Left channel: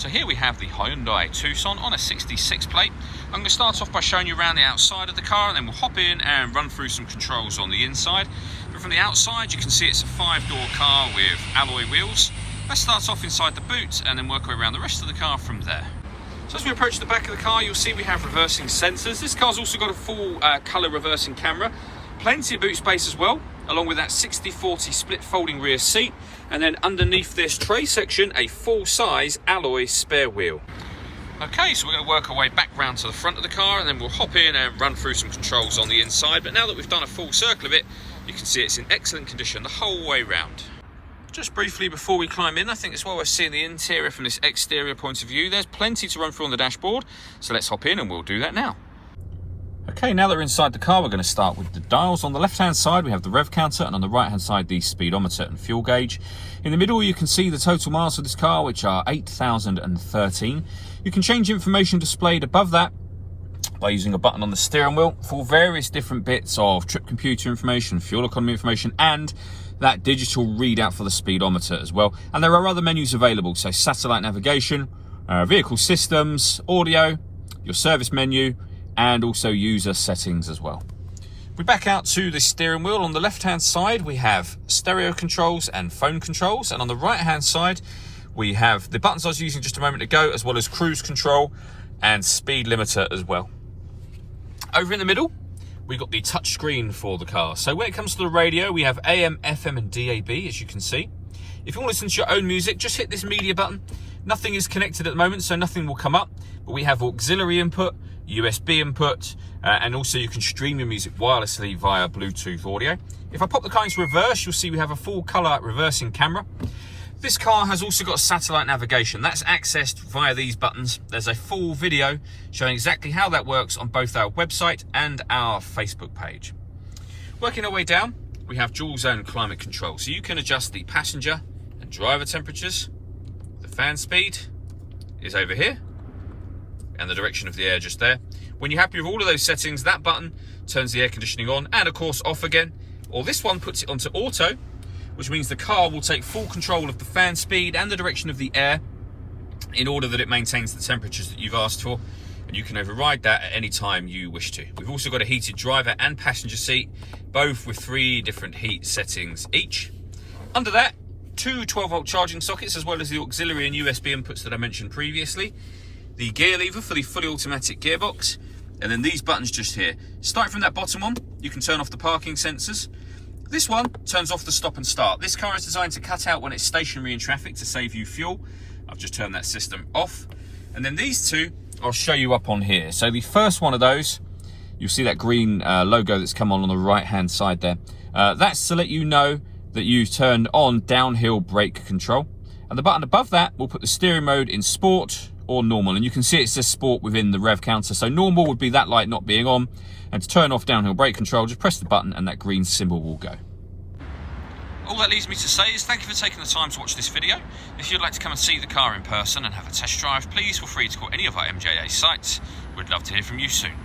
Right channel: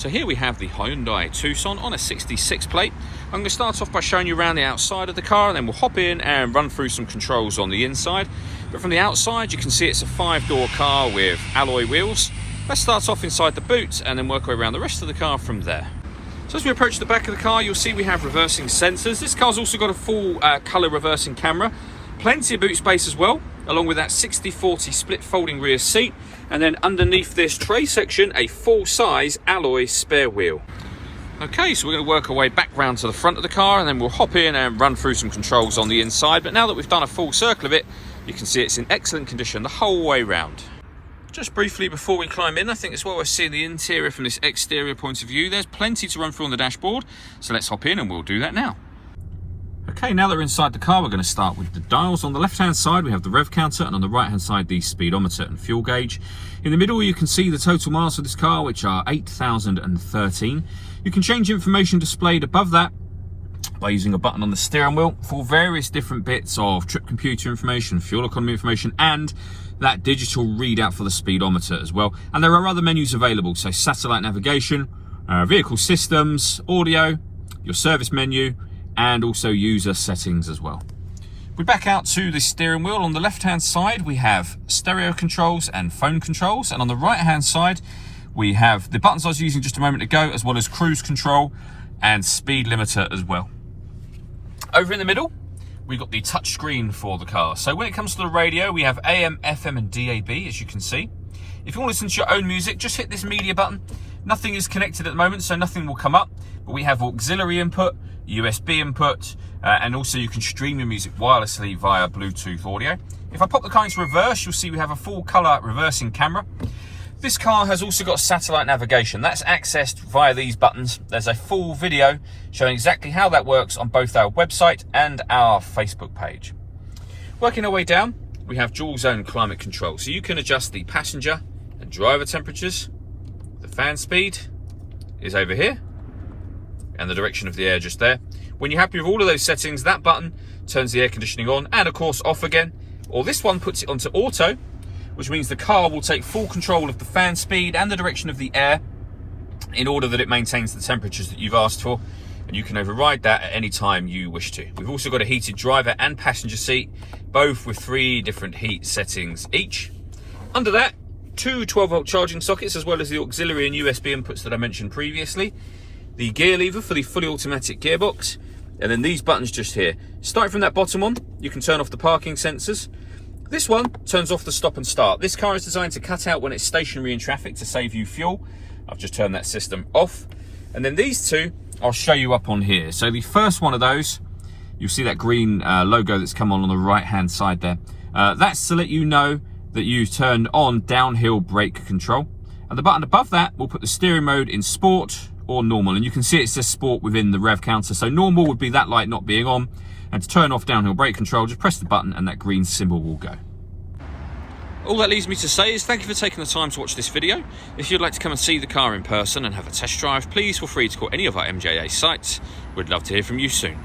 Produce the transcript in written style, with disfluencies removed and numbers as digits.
So here we have the Hyundai Tucson on a 66 plate. I'm going to start off by showing you around the outside of the car, and then we'll hop in and run through some controls on the inside. But from the outside you can see it's a 5-door car with alloy wheels. Let's start off inside the boot and then work our way around the rest of the car from there. So as we approach the back of the car, you'll see we have reversing sensors. This car's also got a full colour reversing camera. Plenty of boot space as well, along with that 60/40 split folding rear seat, and then underneath this tray section a full-size alloy spare wheel. Okay, so we're going to work our way back round to the front of the car, and then we'll hop in and run through some controls on the inside. But now that we've done a full circle of it, you can see it's in excellent condition the whole way round. Just briefly before we climb in, I think it's well worth seeing the interior from this exterior point of view. There's plenty to run through on the dashboard, so let's hop in and we'll do that now. Okay, now that we're inside the car, we're going to start with the dials. On the left-hand side, we have the rev counter, and on the right-hand side, the speedometer and fuel gauge. In the middle, you can see the total miles of this car, which are 8,013. You can change information displayed above that by using a button on the steering wheel for various different bits of trip computer information, fuel economy information, and that digital readout for the speedometer as well. And there are other menus available, so satellite navigation, vehicle systems, audio, your service menu, and also user settings as well. We back out to the steering wheel. On the left hand side we have stereo controls and phone controls, and on the right hand side we have the buttons I was using just a moment ago, as well as cruise control and speed limiter as well. Over in the middle we've got the touch screen for the car. So when it comes to the radio, we have AM, FM and DAB, as you can see. If you want to listen to your own music, just hit this media button. Nothing is connected at the moment, so nothing will come up, but we have auxiliary input, USB input, and also you can stream your music wirelessly via Bluetooth audio. If I pop the car into reverse, you'll see we have a full colour reversing camera. This car has also got satellite navigation. That's accessed via these buttons. There's a full video showing exactly how that works on both our website and our Facebook page. Working our way down, we have dual zone climate control. So you can adjust the passenger and driver temperatures. The fan speed is over here, and the direction of the air just there. When you're happy with all of those settings, that button turns the air conditioning on and of course off again, or this one puts it onto auto, which means the car will take full control of the fan speed and the direction of the air in order that it maintains the temperatures that you've asked for, and you can override that at any time you wish to. We've also got a heated driver and passenger seat, both with 3 different heat settings each. Under that, 2 12-volt charging sockets, as well as the auxiliary and USB inputs that I mentioned previously. The gear lever for the fully automatic gearbox, and then these buttons just here. Starting from that bottom one, you can turn off the parking sensors. This one turns off the stop and start. This car is designed to cut out when it's stationary in traffic to save you fuel. I've just turned that system off. And then these two, I'll show you up on here. So the first one of those, you'll see that green logo that's come on the right-hand side there. That's to let you know that you've turned on downhill brake control. And the button above that will put the steering mode in sport or normal, and you can see it says sport within the rev counter. So normal would be that light not being on, and to turn off downhill brake control, just press the button and that green symbol will go. All that leaves me to say is thank you for taking the time to watch this video. If you'd like to come and see the car in person and have a test drive, please feel free to call any of our MJA sites. We'd love to hear from you soon.